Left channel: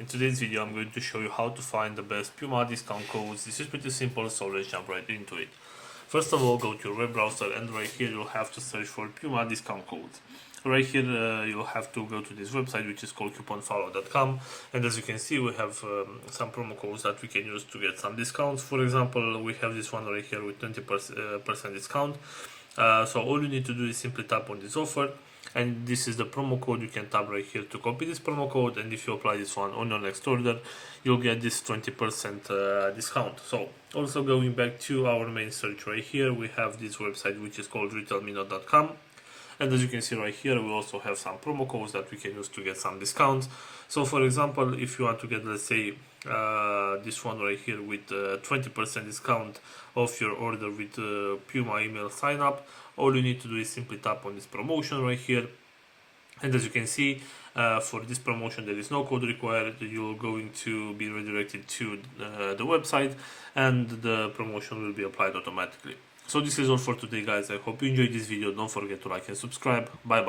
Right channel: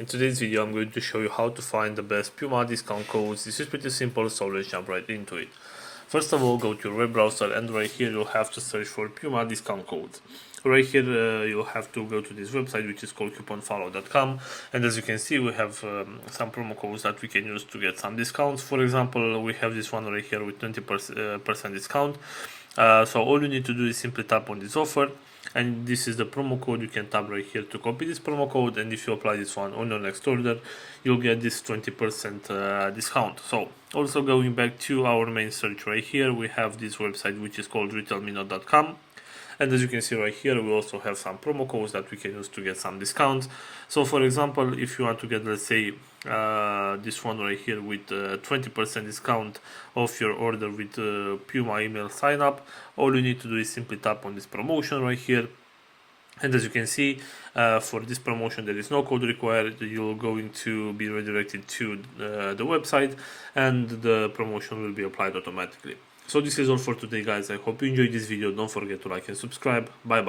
In today's video I'm going to show you how to find the best Puma discount codes. This is pretty simple, so let's jump right into it. First of all, go to your web browser and right here you'll have to search for Puma discount codes. Right here you'll have to go to this website which is called couponfollow.com, and as you can see we have some promo codes that we can use to get some discounts. For example, we have this one right here with 20% discount. So all you need to do is simply tap on this offer, and this is the promo code. You can tap right here to copy this promo code, and if you apply this one on your next order you'll get this 20% discount. So also going back to our main search right here, we have this website which is called retailminute.com, and as you can see right here we also have some promo codes that we can use to get some discounts. So for example, if you want to get, let's say, this one right here with 20% discount off your order with Puma email sign up, all you need to do is simply tap on this promotion right here, and as you can see for this promotion there is no code required. You're going to be redirected to the website and the promotion will be applied automatically. So this is all for today, guys. I hope you enjoyed this video. Don't forget to like and subscribe. Bye bye.